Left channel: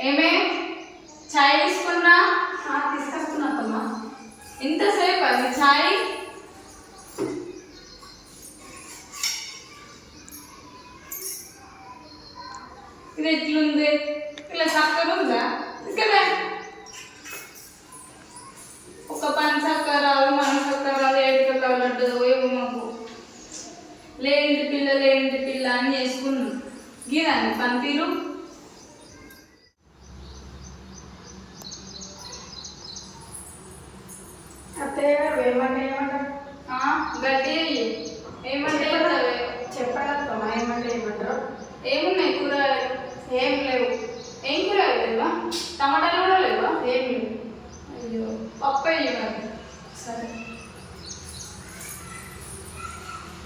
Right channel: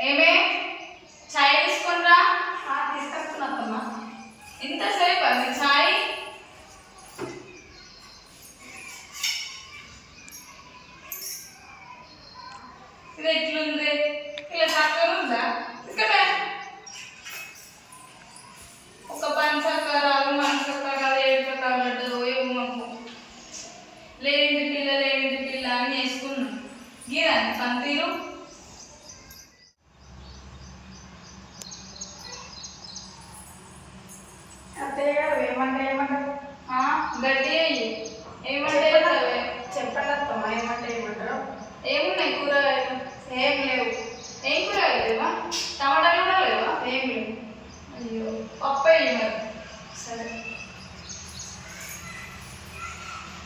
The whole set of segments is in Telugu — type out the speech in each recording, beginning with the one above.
ఏమే? చాయ్ తీసుకున్నా తీసుకొస్తున్నా ఇంతసేపు అది చాయ్ ఇది ఎట్లుంది ఇలా చక్కర ఉందా ఇక్కడ ఒక పని చక్కరాలు మన చక్కరాలు ఏడు లడ్డు ఏమో మాకు లేనిది పిల్ల లేనిది పిల్ల అని వేసుకున్నాం గీరాని పంతీలు అత్తయ్య గారు ఏమంటే ఏమంటారు గడ్డి అయ్యి ఏమంటే? చెప్పండి అత్తమ్మా? ఏమంటే ఏమంటారు ఏమున్నాయి కూరగాయలు? ఏం లేవు. ఏం కూరగాయలు లేవా? టమాటాలు కూడా లేవా? ఏం లేవు. అయ్యో పప్పు వేయి మరి. సరే.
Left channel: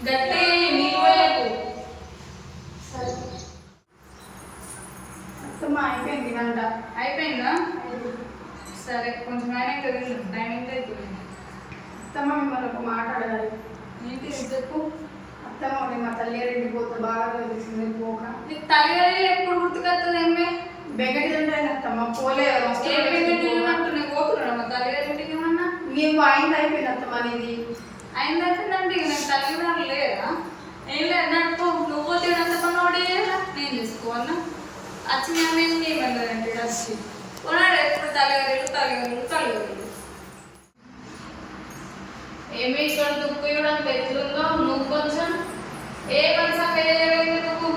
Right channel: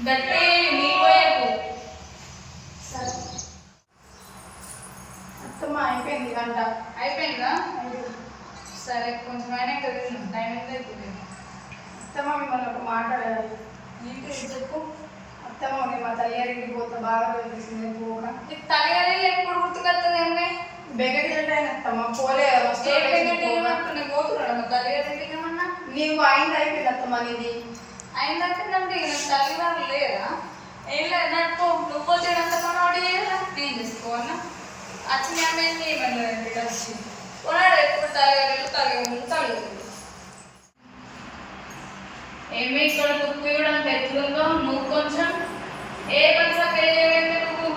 గట్టి వేయి నీళ్ళు వేయకు సరే అత్తమ్మ అయిపోయింది వంట అయిపోయిందా సరే కొంచెం అయినా కదా టైం ఎంత అవుతుంది అత్తమ్మ మిమ్మల్ని ఒక మాట అడగాలి. నీకు చెప్పు. అత్తమ్మ మీ మా తల్లిగారింటికి పోతే బాగా తెలిసింది పోక. నీకు తల్లిదండ్రులు ఎప్పుడు గుర్తుకొస్తుంది ఏమే బెగటి తింటాను అత్తమ్మ పోలే ఏ పోతున్నాడు మా తల్లిగారింటికి ఏమన్నా? నీకు ఆయన అయిపోయింది అత్తమ్మ నీది. అయిందంటే ఇక నాకు తల్లిదండ్రులు లేరా? ఏం లేదు నాకు నువ్వు తినంత పని ఒకటి నేను చేసుకోవాలన్నా వచ్చిన ఏం చేయమన్నారంటే వచ్చి కొన్నాడు ఎప్పుడు తల్లిగారు? తల్లిగారు తల్లిగారు. ఏమి ఇక్కడ దుక్కు ఇవ్వడం ఎట్లుందో నువ్వు కొంచెం ఏ కొంచెం వేయండి నువ్వు.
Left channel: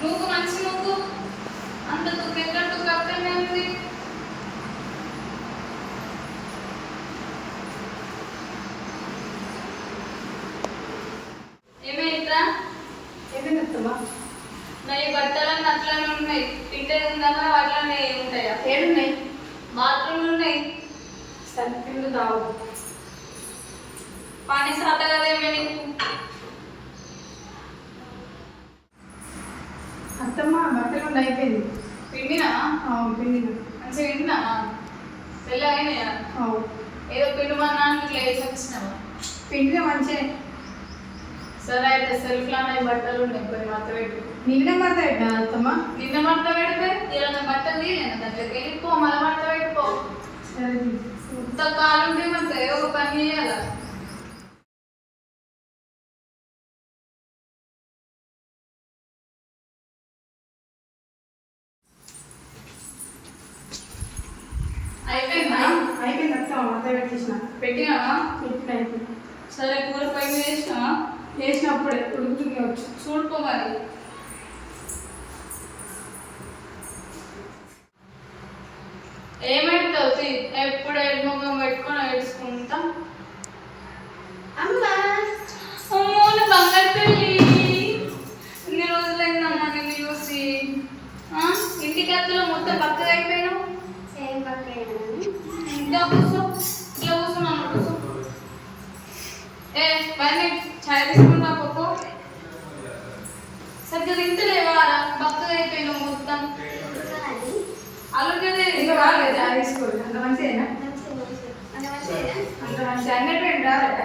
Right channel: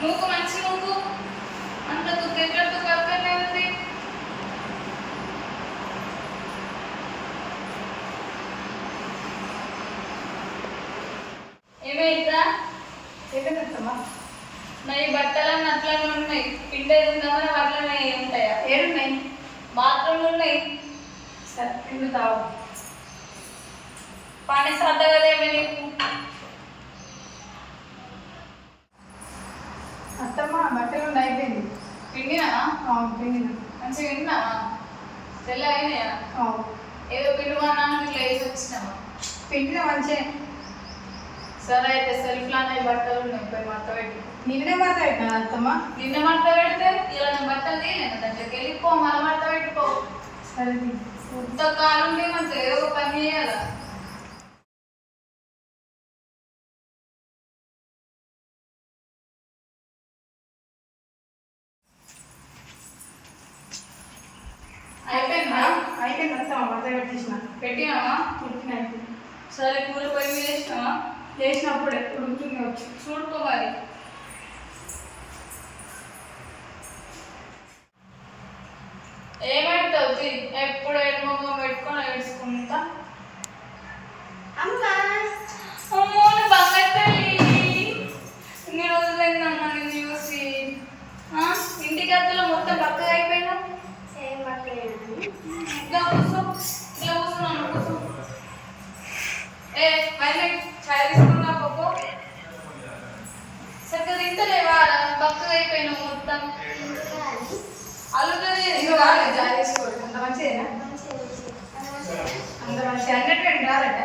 నువ్వు మంచి నువ్వు అంత దుక్కు ఎక్కడితో కక్కనే ఉంది ఏమైందా? అత్తమ్మ నా ఈ బట్టలన్నీ అట్లనే ఉన్నాయి. ఉంటాయా ఏడున్నాయి బాత్రూమ్లు ఉన్నాయి సరే పిండి తావు. పానీ సాట కదా ఏమి నీకు అత్తమ్మ బట్టలు ఉండి అయిపోయింది పిండినా అవును పిండి మంచిగా పిండినా తెల్లగైనాయా అవును. ఏదో పిండి మన ఇట్లా వేసి వచ్చినావు? పిండిగా మంచిగా సరే అయితే సెల్ఫ్లో అన్న బట్టలు ఉన్నాయి. పోయి మడత పెట్టి. నిన్నే మాట పెట్టినా అత్తమ్మ? నిన్న మడత పెడితే ఇలా బట్టలు తీయలేను దాంట్లోకి వెళ్ళిపో మళ్ళీ మడత పెట్టుకో సరే తీ. ముద్ద కాలుంటే మనకి ఏదో ఒక పని చేయాలా? అయిపోయిందా? అయిపోయింది అత్తమ్మ మాట పెట్టేసిన. పెట్టినావా? పెట్టిన సరే కూర పొయ్యి మీద చేసినప్పుడు ఎప్పుడు ఉంటుంది వచ్చి చూడుకోవాలి ఏమైతే ఎప్పుడు ఏడు ముఖం పెట్టుకొని ఏడుచుకుంటా అమ్మో నా బంగారు తల్లి ఇన్ని రోజులైందన్న నిన్ను చూసి ఆ? ఇంటికి అత్తలో మొత్తం పక్కగా అయిపోయినావు ఇట్లా కూర్చో ఇట్లా కూర్చో నన్ను కూర్చో ఏ పైన ఛాయ్ తీసుకున్నా పోకో సరిగ్గా తింటలేవా బక్కగా అయిపోయినావు మొత్తం అల్లుడే ఇదిగో రాలేదు చాయ్ తీసుకోరు అంత మంచిదేనా రాదట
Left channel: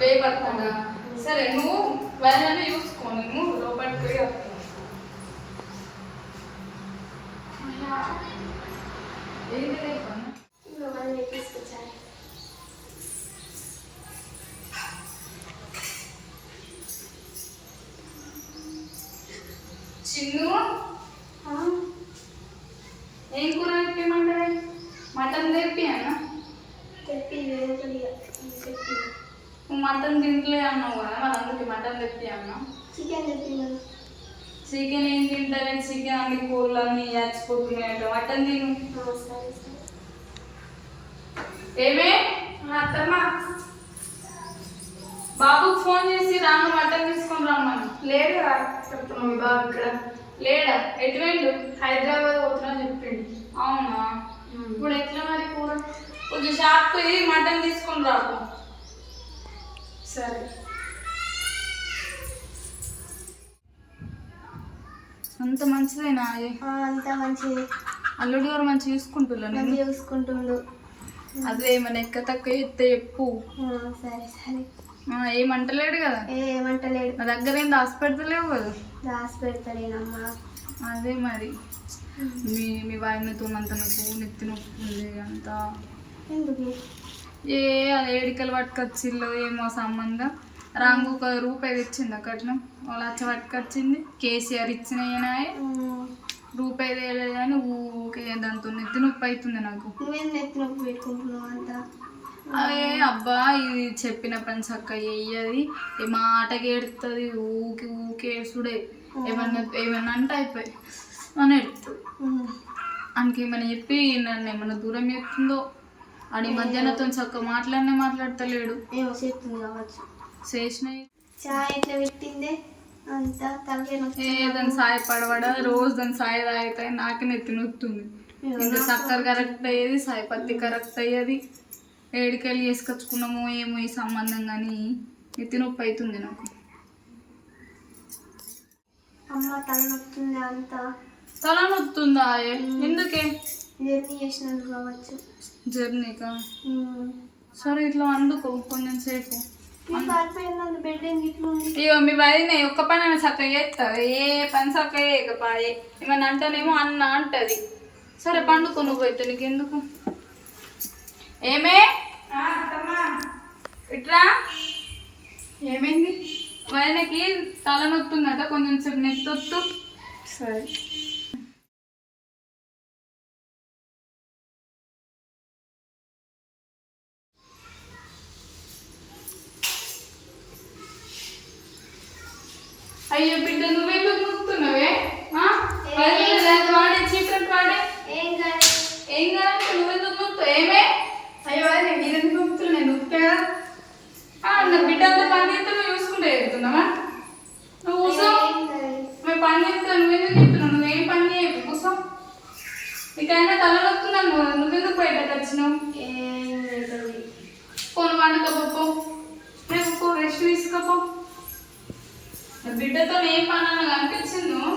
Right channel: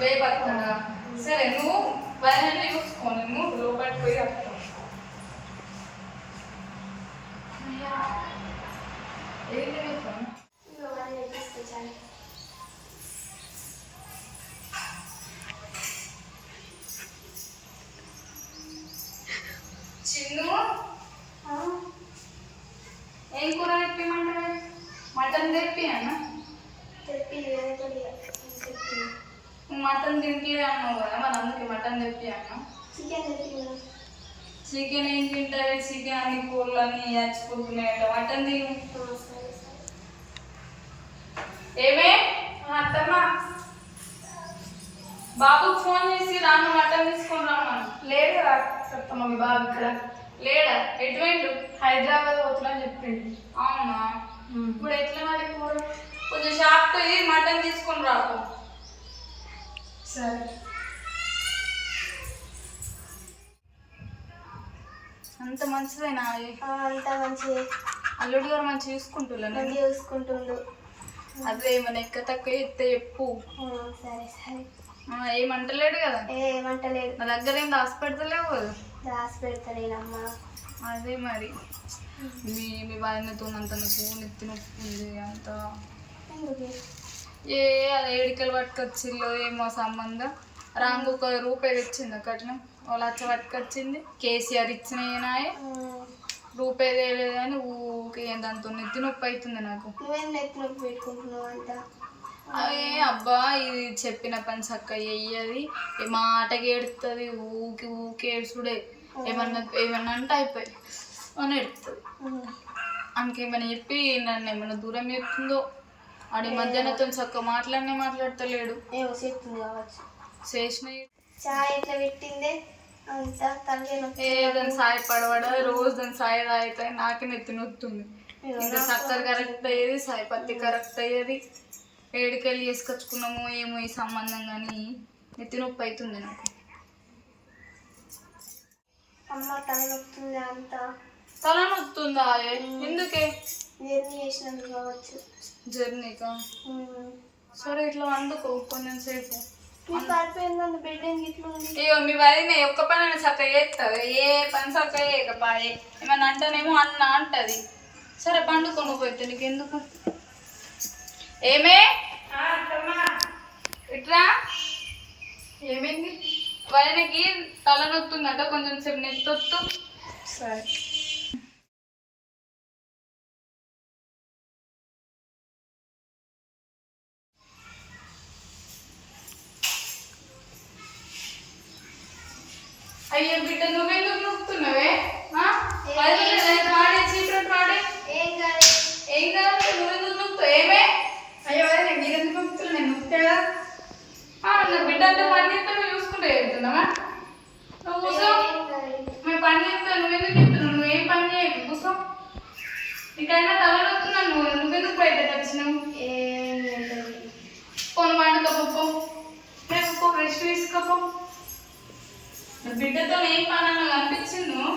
వేయి పట్టుకోండా సరే నువ్వు వైరల్ చూసుకో నువ్వు లోపలికి పోయి వస్తావు ఏంటి చిన్ను ఏం కూర తెప్పిమంటావే మటన్ తెప్పి అన్న నువ్వు మటన్ తింటలే అన్నావు కదా మరి అందుకే మటన్ తెప్పి అన్నా? చికెన్ ఏం తింటావే చికెన్ అన్ని కూరలు అన్ని చచ్చిపోతున్నాయట మటన్ తిను. ఏమే? అత్తమ్మ. బాబుకి ఫోన్ చేసి రాను మటన్ తీసుకొని రమ్మను లేడు రా చెప్తామా మీ బాబు ఇక్కడ. లేడా? ఎటువంటి హైదరాబాద్ పోతున్నా చెప్పిండు. అవునా? ఇప్పుడు ఎట్లా మరి? కొంచెం షాప్ పోయి మటన్ తీసుకొని రాకు సరే. అంత మంచిదేనా? అంతా మంచిది. అల్లుడు గారు మంచిగా చూసుకుంటున్నా మంచిగా చూసుకుంటుండు. అదే మన ఎక్క తక్కువ ఇస్తే చెప్పు. సరే సరే. ఆ, ఏమంటలేడు కదా? ఏ ఏమంటలేడు నా దగ్గర ఏం హాస్పిటల్ లేవు కదా? దాసి పెడతలేనమ్మా. అదే మరి. మీ మీ వాయినతో అంత నొప్పు నెత్తి నొప్పి ఉంది అంత. ఏ ఏడికలు పట్టుకొచ్చిల్లో ఏమో సంబంధం. రాంగు ఒక రూపాయి తెచ్చింది కట్నం వాళ్ళు వచ్చి పట్టుకొచ్చింది. కేసీఆర్ ఇచ్చినాయనాయే రూపాయి తేలేదు కానీ ఊకే దాంతో నెత్తి నొప్పి అవుతుంది నాకు. నువ్వేం నెత్తి నొప్పి పెట్టుకుంటున్నావు అంతా? అవే అబ్బా ఇది చెప్పిన పని చక్క చెయ్యది. ఏ మాటకి ఏడుతుంది ఊకి ఊకి ఏడుచుడే ఏమన్నా ఏమన్నా అంటే అయిపోయి. అని ఏడుతుంది ఆయనకేమైనా చెప్పి నన్ను ఏమన్నా దూరం చెప్తుందో ఆడి మధ్యాహ్నతో చక్క మాట్లాడనే మాట్లాడతలేడు. ఏమో చెప్తుంది కావచ్చు. చేసిన చాయ్ ఎట్లా పెట్టిందే? అంతా తలకే నొప్పి ఏ దాని సాయ పడవడ? రోజు దాని సాయ తాగితే నాకే నెత్తి నొత్తుంది. ఇంకా చక్కెర కరెక్ట్ అయ్యేది సాయ పత్తి కరెక్ట్ అయ్యేది. ఏడికెళ్ళి వేసుకొచ్చుకున్నాము ఏమో ఈ సంబంధం కానీ నెత్తి నొప్పి అవుతుంది నాకు. అమ్మ తల నొప్పింది అంతా? తల నొత్తుందా? ఎందుకే? జర్నీ చేసినందుకు కావచ్చు జర్నీకా. సరే ఇట్లా అందుకో కొంచెం సేపు ఇగో మీ వదిన ఒక్క పని అని చక్కగా చేస్తుంది ఏ పని చక్కగా చేయకపాయే. ఏమన్నా అంటానేమో అన్న అంటది. సరే పండుకో నువ్వు అయితే నీకెందుకు? ఏమే? ఇట్రా? ఏమైంది? వదినకి తలనొత్తుందట కొంచెం సేపు నెత్తొత్తు. సరే. అయ్యే బిడ్డ నువ్వెందుకు నొక్కుతున్నావే ఆ? వదిన ఇలాంటి వాడే చీకటి వాడే ఏం కాదు ఏం కావాలి నువ్వెందుకు నొక్కుతావు ఏమే అయ్యో నేను మీరు ఎందుకు నొక్కుతున్నా నేను నొక్కితే కదా ఆ, నా బిడ్డ అంతా పని చేస్తే నువ్వు చూసుకుంటే వెళ్తున్నావా నువ్వు కూసో ఏం కాదు మేము పని చేస్తాను నువ్వెందుకు చెప్తున్నావు నువ్వేం పని చేయకు కూసో నీకైనా తల వస్తున్నాను నువ్వు నువ్వెందుకు బయటకు వచ్చినావు ఏం లేదు ఫోన్ వండుకోపో రేపు రెస్ట్ తీసుకోపో చేద్దాం ఏం పని అన్న కనిపించింది నువ్వు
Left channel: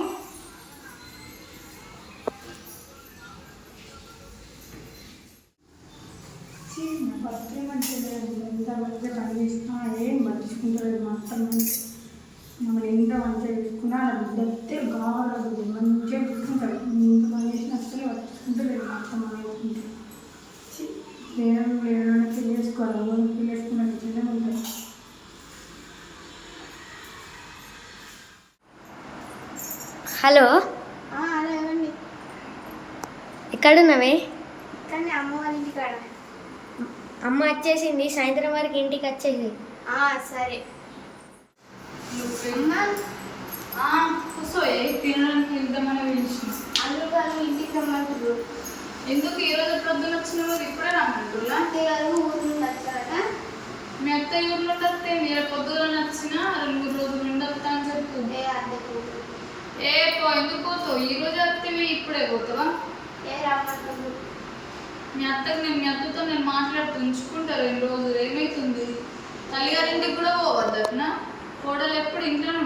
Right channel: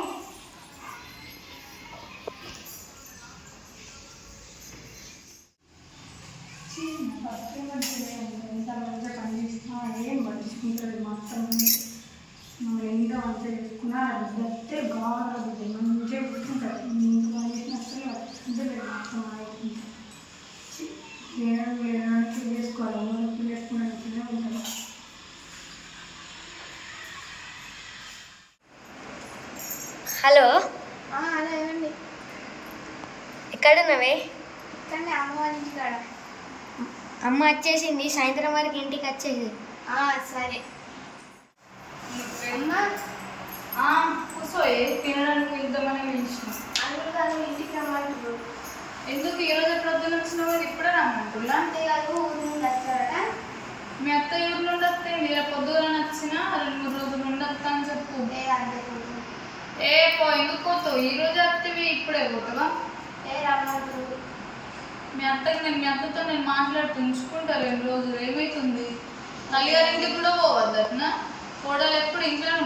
ఎంత మంచిగా పనిచేసినా ఏం పట్టించుకుంటలేదు మా అత్త మమ్మల్ని ఎంత మంచిగా చూసుకున్నా నా బిడ్డతే గావాలి బిడ్డ మంచిగా చూసుకుంటాడు ఇంత పని చేసిన అసలు పట్టించుకుంటలేదు మా అత్త మా వేరే వేరే చేసుకోవాలి ఎవరికి చేసుకున్న బిడ్డలే ఉంటారు హలో ఆ, అలా ఇవ్వండి ఎక్కడున్నావే? కానీ అమ్మ వాళ్ళ ఇంటికాడ. అమ్మ వచ్చేసింది సాయంత్రం వరకు ఇంటికి వచ్చేసి. ఆ, సరే. అమ్మ? ఏ తినడానికి వెళ్దామని పిలిచిన. గారు ఇంటికి రమ్మంటారు ఎందుకు? ఈ రోజు ప్రొద్దున వచ్చినావు ఇప్పుడే రమ్మంటున్నా అత్తయ్య గారు ఊరి నుండి వచ్చారట. మీ అత్త ఊర్లో ఉండొస్తే నేను పొద్దున నచ్చిన రెండు మూడు రోజులు ఉండొస్తా అని చెప్పు. ఏ పో ఎందుకు పోతావు? ఈ రోజు వస్తేవి ఇప్పుడే పోతావా? మీ అత్తకి నేను మీ అత్తతో నేను మాట్లాడుతూ ఉంచుకుంటా రెండు రోజులు. ఏమైతుంది? తల్లిగారింటికి కూడా పోవద్దట్నా? కోడలు ఎప్పుడు ఇంట్లోనే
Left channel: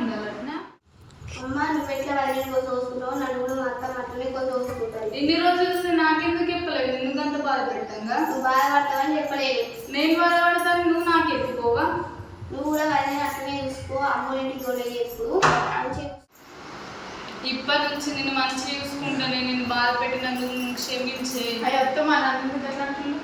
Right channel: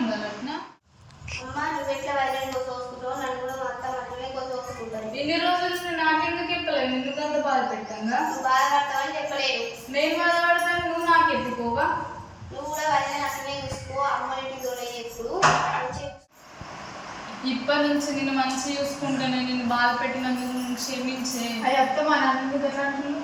కోసం చూసుకుంటారు ఇన్ని రోజులు చూసి నాకెందుకు చెప్పలేదు? ఎందుకంత బాధ పెట్టంగా నువ్వు బాధపడతావని చెప్పలేదు. నేను బాధపడతాను నువ్వు నాకు ఎప్పుకోవా నువ్వు కూడా వైరల్ అట్లనే చూసుకో. అమ్మ ఇంటికి ఇప్పటి నుంచి నేను మంచి చూసుకుంటా నేను నిన్ను బాధ పెట్టినందుకు క్షమించే. అయ్యత్త మా నాన్న ఎట్లా అంటున్నావు?